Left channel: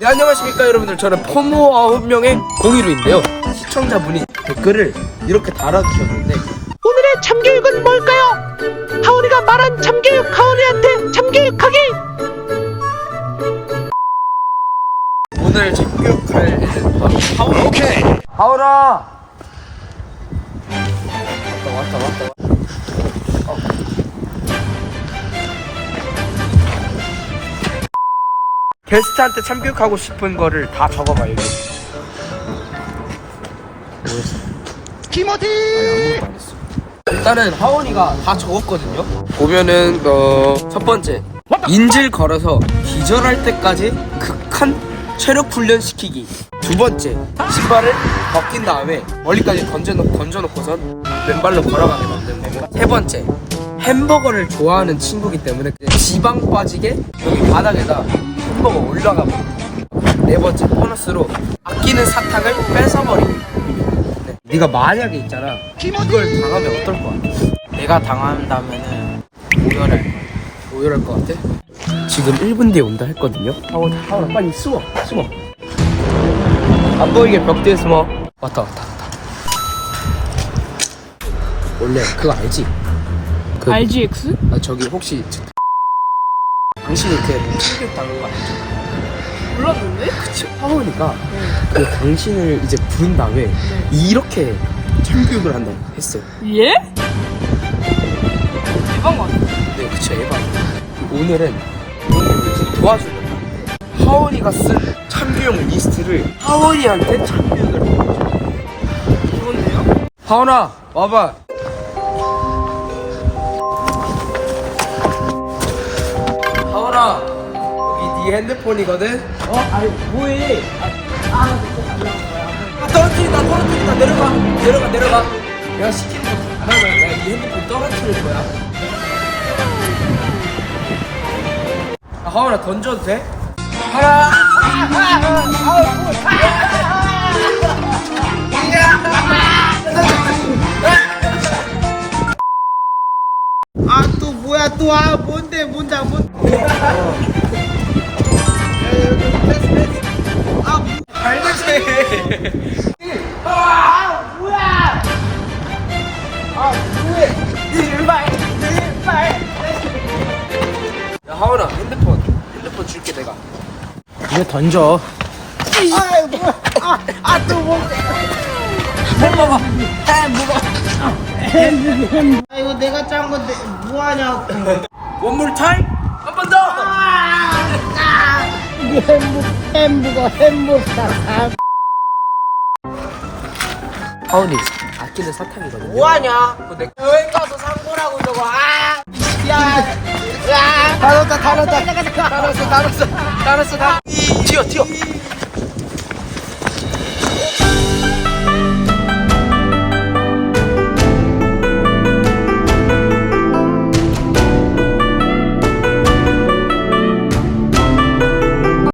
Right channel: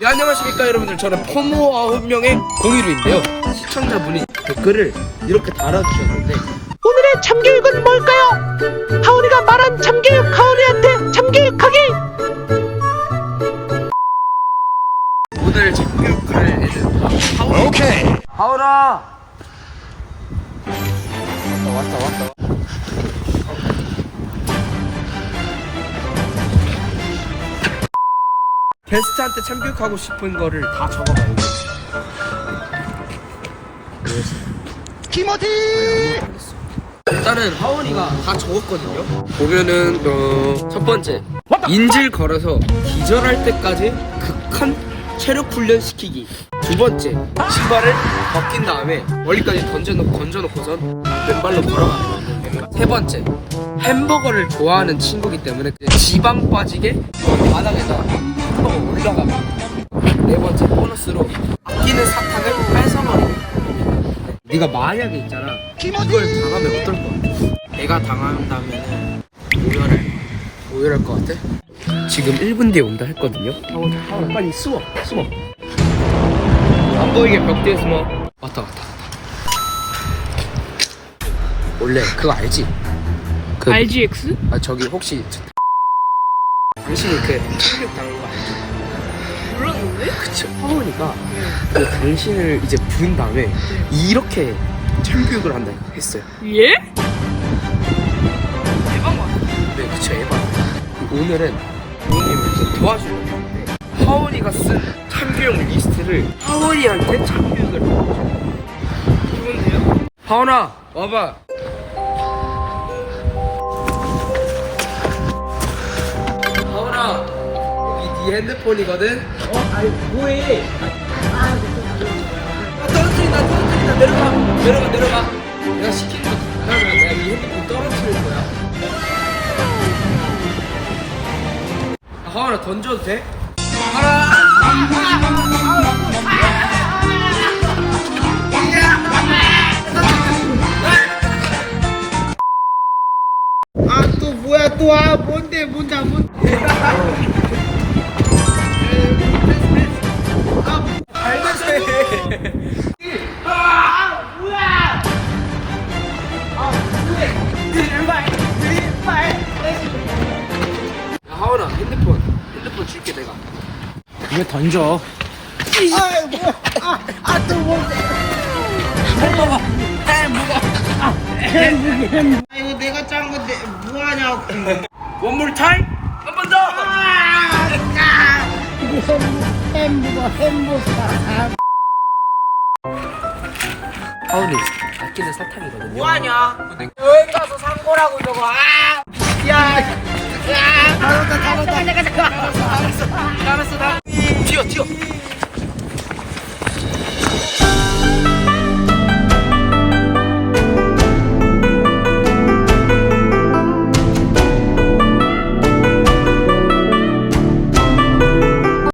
네, 안녕하십니까 여러분들. 저는 포모 9명의 공유루인데요. 시청자분이 댓글을 이렇게 달아주셨는데 오늘의 참교육은 뭘까요? 하온이가 말한 참교육 하온이한테 참교육하기! 오늘 참교육할 애는 바로 하원 오케이. 하원아! 왔다 왔다 왔다 어. 게스트한테 참교육하고 싶은 거를 다 적어봐 여기 키모티 일단은 하원이가 다 적었거든요. 보면은 어, 첫 번째 인질 걸어서 기절할 때까지 극한 체력 훈련 시키기. 두 번째 신발을 벗긴 다음에 멀리까지 던져놓 던져놓고선 맨발로 걸어가게 만드는 거고. 세 번째 햄버거를 좋아하는 친구기 때문에 지방 빠지게 바닥에다 햄버거 올라가고. 네 번째 보너스로 아끼는 사탕을 뺏어버리기. 네. 네가 만약에 있잖아 이걸 당하면 어떨 것 같아? 내가 당한다면은 오열할 거야. 오열할 것 같아? 지금 1분 뒤에 온다 했거든요 하원, 하원아 빨리 숨어 숨어 안 보이게 벽 뒤에 숨어 왔다 왔다 왔다 원래 그거 알지? 그, RGX? 아 저기 혹시 저- 당신이 그 참교육 당한 거 알죠? 몰랐는데? 그치 하원이가 그 당신을 이제 부른 다음에 이렇게 참교육을 한다 했어요 예? 대박 맞아 네, 그쵸, 에바. 오늘은 부모님을 도와주려고 하는데, 하원이가 쓴 참교육 리스트를 하원이한테 참교육을 거죠. 좋은데요? 하원아, 와봐. 하원아, 여기 네 핸드폰이거든? 어? 아니 뭐해 아, 떨어뜨린다, 떨어뜨린다. 내려가, 내려가, 내려가. 내가 시키는 하는 거야. 내가 이 핸드폰 떨어뜨릴 거야. 아, 하원아, 던져도 돼? 하나! 아 또 뭐야 또 아 뭔데 뭔데 아, 뭔데 잘 됐네. 야, 하원아, 핸드폰. 핸드폰 줄게, 내가. 왜 던져? 아또 뭔데 아 이거 내가 짠 건데 뭐하냐고. 원몰 타임? 한 번 더! 햄버거 햄버거 하원이, 아끼는 사탕이거든요. 뭐하냐? 어, 내 여기 가서 산 거라고 저거 아! 야, 야, 다뤘다, 다뤘다, 다뤘어, 다뤘어, 다뤘어, 뛰어, 뛰어.